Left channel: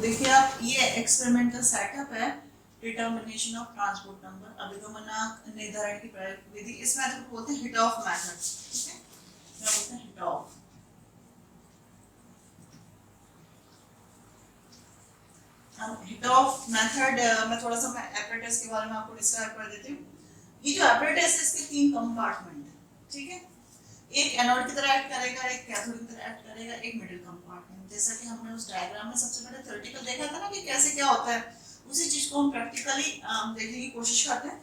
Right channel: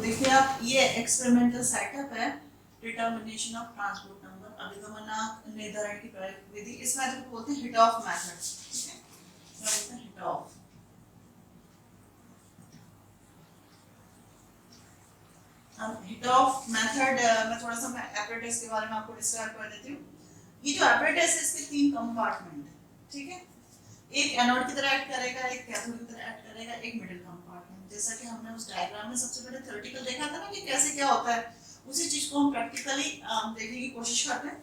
देखिए आप, ये एक्सपेरिमेंटल सेटअप है, डिटर्मिनेशन ऑफ ट्रांसपोर्ट नंबर, अभिगमनांक निर्धारण की विधि। इस मेथड को बोलते हैं हिट ऑफ मेथड। ठीक है, क्या बोलते हैं? Hit of. Hit of method मैं थोड़ा सा एपरेटस के बारे में आपको डिस्क्राइब कर देती हूँ। ये जो एपरेटस है, इसके 3 कंपार्टमेंट है। ठीक है, एक एनोड की तरह एक्ट करेगा, एक कैथोड की तरह एक्ट करेगा, एक मिडिल कंपार्टमेंट। जैसा कि हमने उस डायग्राम में सबसे पहले थ्योरेटिकल देखा था ना कि कैसे क्या होता है, उसी चीज को हम प्रैक्टिकली देखने की कोशिश करते हैं।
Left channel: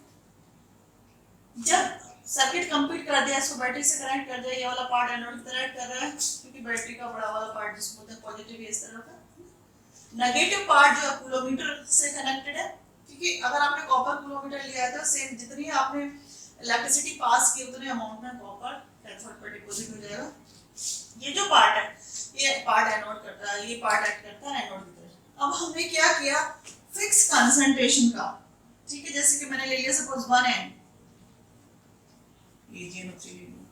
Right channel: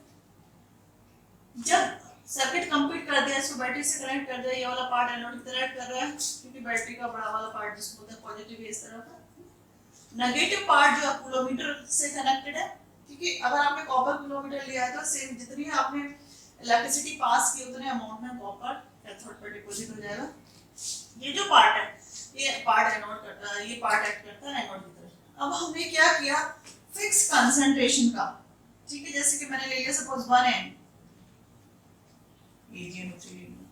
जब सर्किट कंप्लीट कर दिया, इसको बैटरी से कनेक्ट कर दिया, ये वाला पार्ट एनोड की तरह एक्ट कर रहा है, क्योंकि बैटरी का बड़ा वाला पार्ट जिसको बोलते हैं पॉजिटिव, इस तरह का। नेगेटिव पार्ट जो है कूलोमीटर से कनेक्टेड है, क्योंकि अगर आपने कॉपर कूलोमीटर लिया है तो सेम जितनी आपने इलेक्ट्रिसिटी पास की उतने अमाउंट में कॉपर कैथोड पर डिपॉजिट हो जाएगा। ये जो पार्ट है, ये पार्ट एनोड करता है, ये पार्ट एक्ट करता है एनोड की तरह। अब हमने क्या किया, फिक्स कंसंट्रेशन का। ठीक है, जैसे कि मैंने ले लिया सपोज 1N, AgNO3 ले लिया।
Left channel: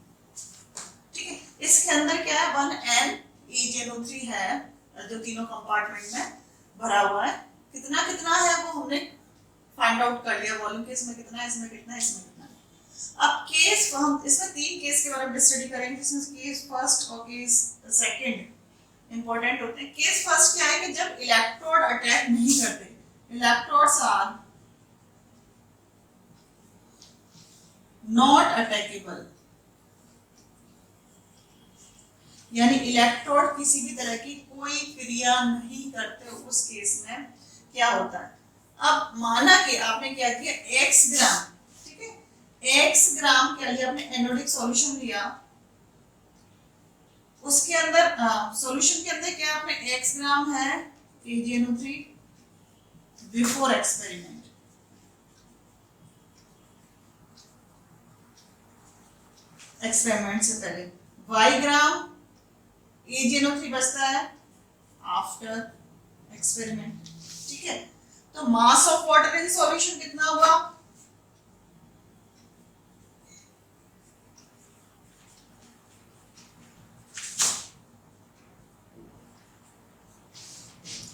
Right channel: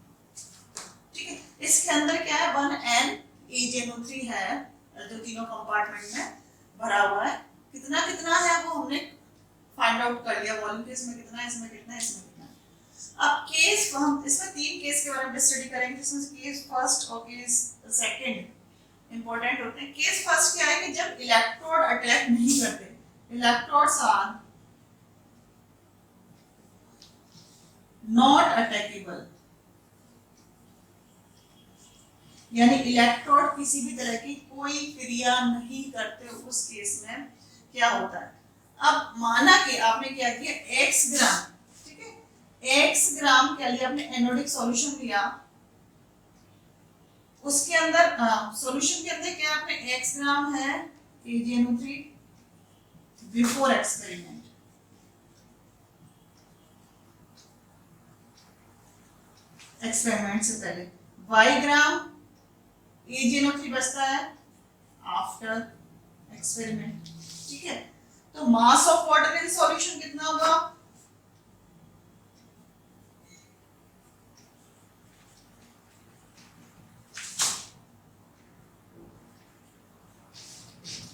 ठीक है, इसके अंदर क्या है, 1N AgNO3 है, जो तीनों कंपार्टमेंट में भरा हुआ है। कितना कितना है वो हमने फाइंड आउट कर लिया, वॉल्यूम केस में कितना है, इसमें कितना है, इसमें कितना है। अब केस, हम इसमें 3 केस के बारे में स्टडी करेंगे, जिसमें केस फर्स्ट और केस सेकंड इंपॉर्टेंट होते हैं। केस फर्स्ट क्या है कि जब इलेक्ट्रोड अटैक नहीं करते, इलेक्ट्रोड्स आर नॉट अटैकेबल, यानी इलेक्ट्रोड किसी भी तरह की कोई क्रिया नहीं करते, उस केस में क्या होता है। अब माना कि आपने क्या किया, x ग्राम, ठीक है, x ग्राम के लिए आपने एनोडिक सॉल्यूशन लिया, उसके अंदर सॉल्यूशन के अंदर क्या आपने x ग्राम है AgNO3 बिफोर एक्सपेरिमेंट, एक्सपेरिमेंट से पहले, y ग्राम AgNO3 बचता है आफ्टर एक्सपेरिमेंट। ठीक है, तो mass of water in solution कितना हुआ,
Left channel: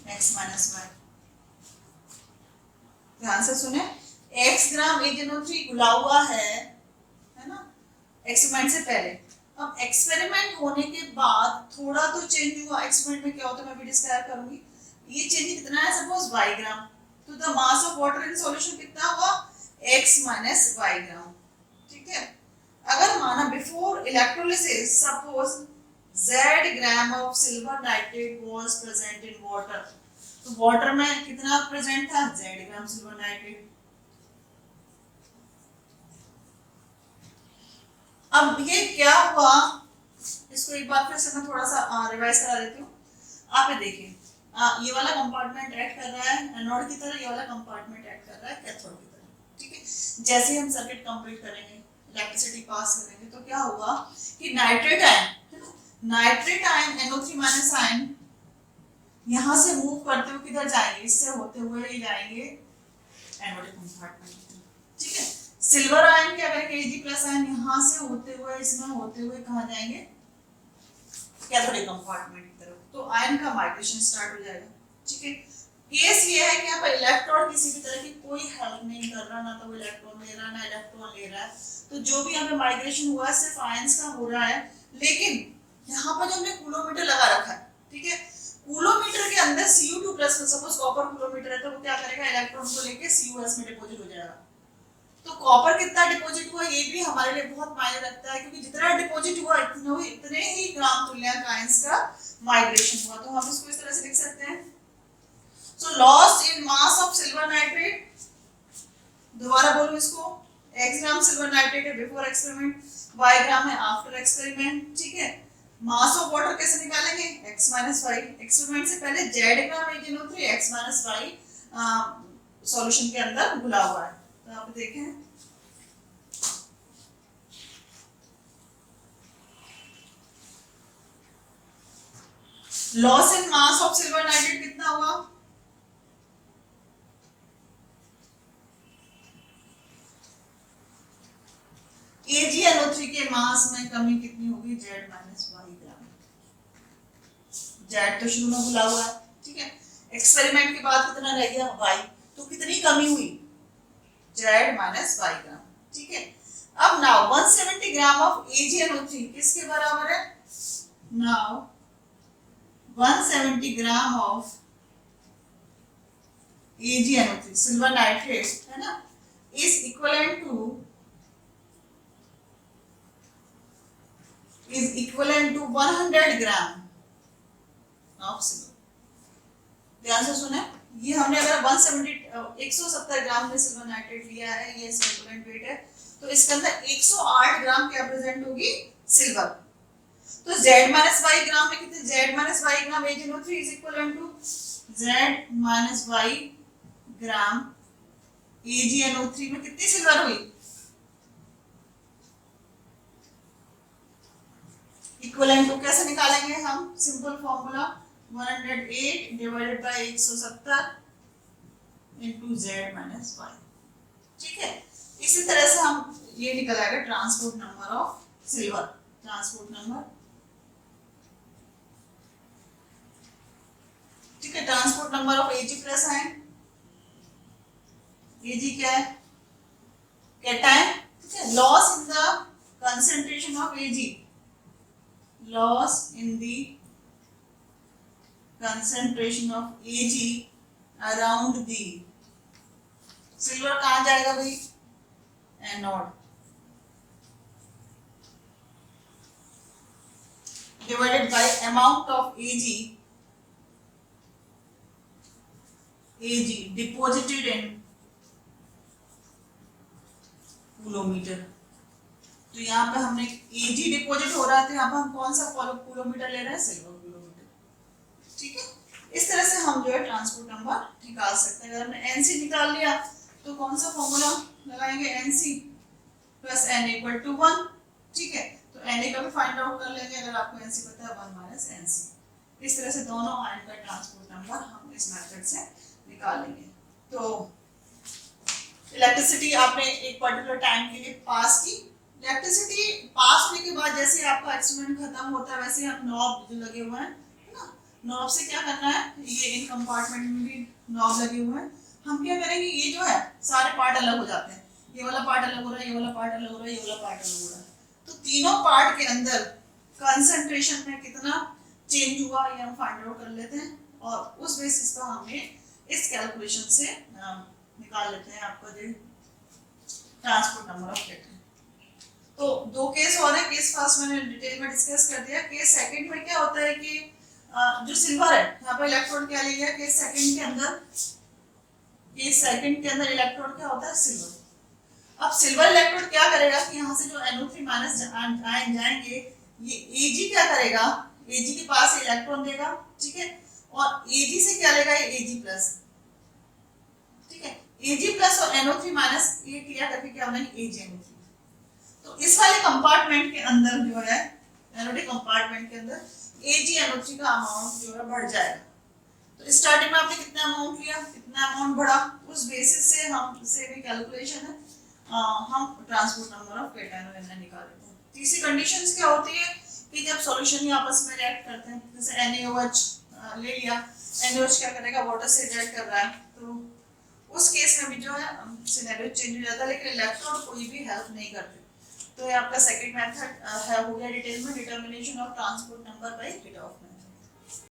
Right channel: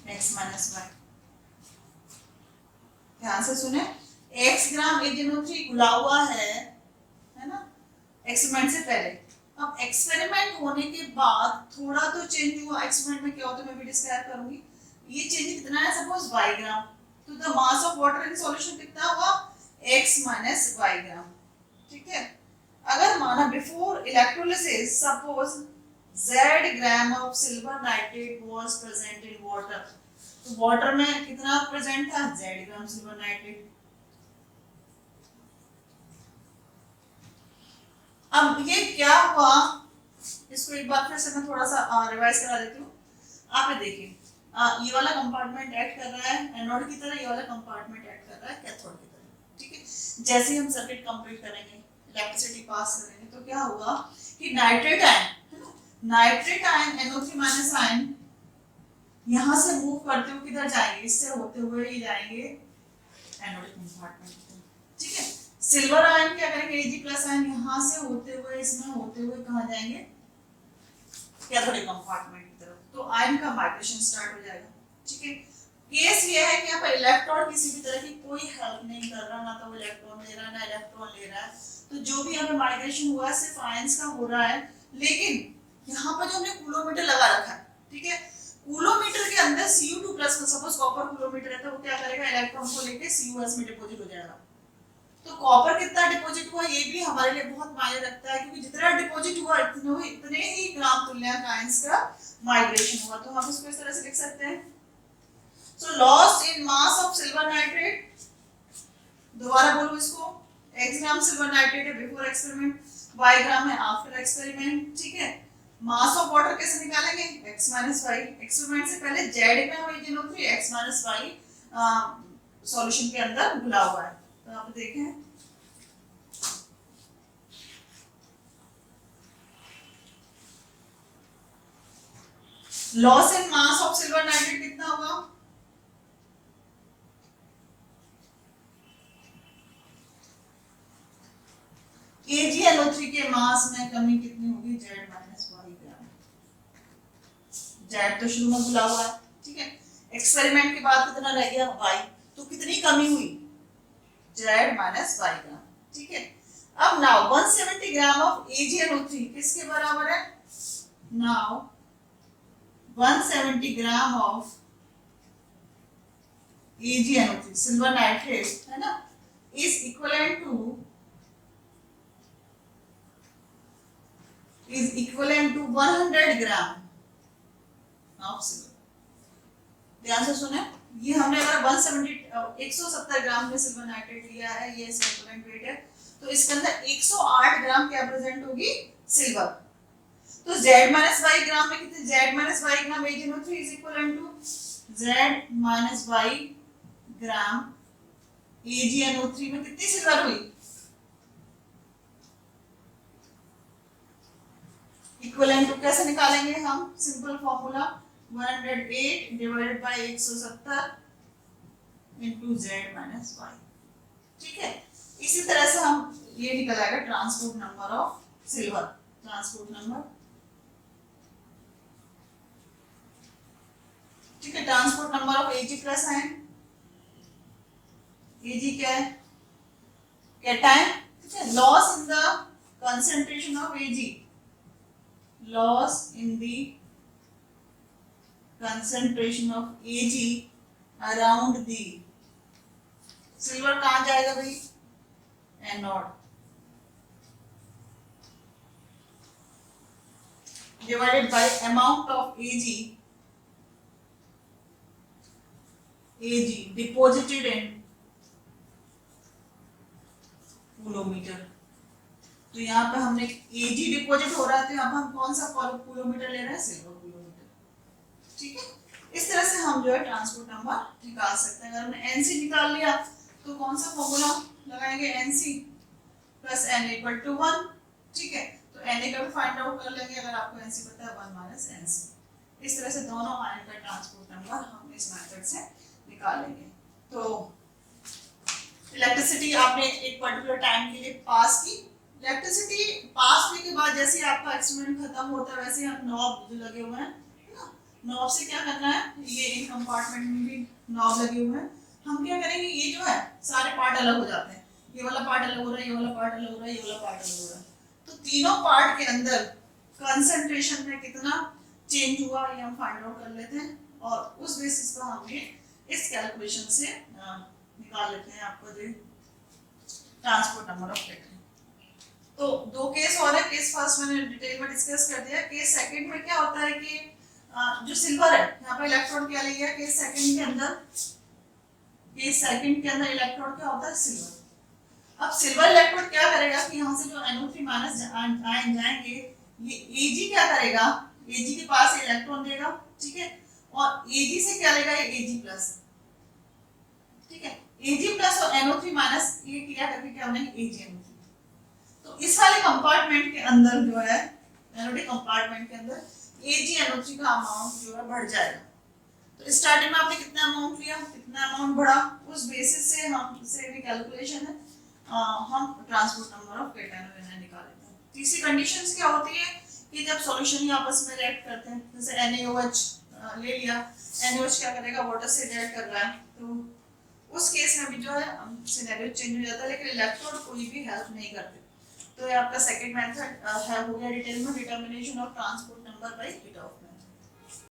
x माइनस वाई। ध्यान से सुने, x ग्राम AgNO3 घुला हुआ है ना, एक्सपेरिमेंट से पहले। अब एक्सपेरिमेंट होने के बाद थोड़ा तो चेंज हुआ, एक्सपेरिमेंट में क्या होता है मैं भी डिस्क्राइब करूंगी। ये चेंज कितना है, सपोज y ग्राम, तो the mass of water in solution कितना हुआ, x माइनस वाई ग्राम। ठीक है, अगर माना before electrolysis suppose z gram of silver nitrate was present in water, तो वाटर में कितना प्रेजेंट था, z ग्राम सिल्वर नाइट्रेट। अब ये क्या हुआ, इसको एक बार फिर से मैं थोड़ा सा रिवाइज करा देती हूँ। आप ये देखिए, ये वाला कंपार्टमेंट एक्ट कर रहा है एनोड की तरह, ये वाला कंपार्टमेंट एक्ट कर रहा है कैथोड की तरह। ठीक है, जैसे ही हम सर्किट कंप्लीट करेंगे, इलेक्ट्रिसिटी पास करेंगे, तो क्या होगा कि nitrate ion, nitrate ion NO3 minus ion यहां से मूव करते हुए किधर जाएंगे, इससे होते हुए ही जाएंगे एनोडिक कंपार्टमेंट। ठीक है, सिल्वर आयन क्या करेंगे, Ag प्लस आयन यहां से होते हुए, इसमें होते हुए कहां जाएंगे, कैथोडिक कंपार्टमेंट की तरफ, तो आयन का माइग्रेशन स्टार्ट हो जाएगा। ठीक है, केस ये है कि यहाँ पर इलेक्ट्रॉन किसी भी तरह की कोई हेल्प नहीं कर रहा, ना तो इलेक्ट्रॉन ले रहा, ना इलेक्ट्रॉन ले रहा है, तो जो भी यहाँ पे माइग्रेशन हुआ है सिर्फ आयंस का हो रहा है। लेकिन यहाँ पर जो हमने कूलोमीटर लगा रखा है, ठीक है, कूलोमीटर के अंदर Cu2+ सपोज कॉपर कूलोमीटर है, तो वो क्या करेगा, इलेक्ट्रॉन को लेके CuS में डिपॉजिट हो जाएगा। तो कॉपर कितना डिपॉजिट हुआ, ये भी हमारे लिए बहुत मायने रखता है, क्योंकि जितना डिपॉजिट हुआ इतने ही ग्राम तुल्यांक आयंस का माइग्रेशन हुआ। तो हम इसको इस तरह से लिख सकते हैं, so loss in mass of silver nitrate, दोबारा बोलूं इसको, x ग्राम सिल्वर नाइट्रेट है बिफोर एक्सपेरिमेंट, y ग्राम है आफ्टर एक्सपेरिमेंट। ठीक है, मास ऑफ वाटर कैसे निकालेंगे, x माइनस वाई, एक्सपेरिमेंट से पहले z gram AgNO3 x minus y solution के अंदर घुला हुआ है। तो आप देखें, loss in mass of silver nitrate कितना हुआ, AgNO3 के मास में कमी कितनी होगी, z माइनस वाई ग्राम। z तो शुरू में घुला हुआ है, ठीक है, एक्सपेरिमेंट के बाद कितना रह गया y, तो कितनी कमी हुई z माइनस y ग्राम, ठीक है। अब नाउ 170 ग्राम ऑफ AgNO3 किसके बराबर है, now 170 gram of AgNO3 silver nitrate है ना, is equivalent to 100 gram of silver. ध्यान से सुने, ये हमने अगर 170 ग्राम में सिल्वर नाइट्रेट लिया है, ये इक्विवेलेंट वेट है, तो इसके अंदर 108 ग्राम क्या प्रेजेंट होगी, सिल्वर। तो Z माइनस वाई ग्राम में कितने, Z minus y gram AgNO3 is equivalent to Z minus y gram AgNO3 में कितनी सिल्वर हुई, इक्विवेलेंट टू कैसे निकालेंगे हम, simple formula 108 divided by 170 into Z minus y, ठीक है। इसी तरह से हम ये निकल आएगा transport number of silver, transport number, ठीक है। Transport number of Ag plus ion, Ag क्या है, कैटायन, ठीक है। Loss in the concentration of Ag, loss in the concentration of Ag around the silver कहाँ जाएगा भाई, anode, divided by amount of Ag deposited in कूलोमीटर। तो यहाँ पे हमने Ag डिपॉजिट हो रहा है, तो यहाँ पे हम कौन सा कूलोमीटर ले रहे हैं, सिल्वर कूलोमीटर, ठीक है। इस तरह से हम जो है ट्रांसपोर्ट नंबर निकाल सकते हैं। अगर हमने NC निकाल लिया तो कौन सा फॉर्मूला लगाएंगे, NC plus N equal to 1, ठीक है। तो Na का भी फाइंड आउट कर लेंगे, अगर आपको NC पता है 1 माइनस NC। इस तरह से दोनों आयन का ट्रांसपोर्ट नंबर हम इस मेथड से निकाल लेंगे। तो इलेक्ट्रिसिटी आपने एक पर्टिकुलर टाइम के लिए पास की, इलेक्ट्रिसिटी पास होने के बाद जैसे आपका एक्सपेरिमेंट खत्म होता है, वैसे हम नॉब जो लगे हुए हैं ना, नॉब से क्या करना है, ये इन कंपार्टमेंट में भी नॉब लगे हुए हैं, हम क्या करेंगे, ये जो है सारे पार्ट अलग हो जाते हैं, ये वाला पार्ट अलग हो रहा है, ये वाला पार्ट अलग हो रहा है, ये वाला पार्ट अलग हो रहा है, तो तीनों पार्ट के अंदर कंसंट्रेशन में कितना चेंज हुआ ये हम फाइंड आउट कर लेते हैं, और उस बेसिस पर हम इस कैलकुलेशन से निकाल लेते हैं आपका जो ट्रांसपोर्ट नंबर ऑफ प्लेट। तो दो केस हो रहे हैं, केस फर्स्ट मैंने डिटेल में डिस्कस कर दिया, केस सेकंड में क्या होता है कि जो सिल्वर है यहाँ पर इलेक्ट्रॉन क्या ले लिया, केस सेकंड के अंदर इलेक्ट्रॉन क्या होता है, सिल्वर। अब सिल्वर इलेक्ट्रोड क्या करेगा कि यहाँ से जो NO3 माइनस आयन जाएंगे, ये Ag क्या करेगा, Ag के पास इलेक्ट्रॉन देगा, ठीक है, और Ag से क्या लेगा, ये Ag प्लस, ठीक है। Ag प्लस और NO3 माइनस ये क्रिया करके क्या बनेगा, AgNO3। तो इस वाले कंपार्टमेंट के अंदर जो है एनोडिक कंपार्टमेंट के अंदर AgNO3 का अमाउंट जो है बढ़ जाएगा। तो स्टार्टिंग में आपने कितना अमाउंट लिया, कितना अमाउंट बढ़ा, उस बेसिस से हम से भी कैलकुलेशन है, हम transport number of cation anion निकालेंगे। तीसरी कंडीशंस क्या होती है कि जब सॉल्यूशन ही आपस में रिएक्ट करते हैं, जैसे NaOH ले लिया, NaOH क्या करेगा, वाटर से रिएक्ट कर रहा है, तो उस केस में भी जो है सिनेरियो चेंज हो जाता है, लेकिन इलेक्ट्रोड कोई भी हेल्प नहीं करते। तो ये आपका सेकंड मेथड है, हो गया डिटेल में determination of transport number by heat of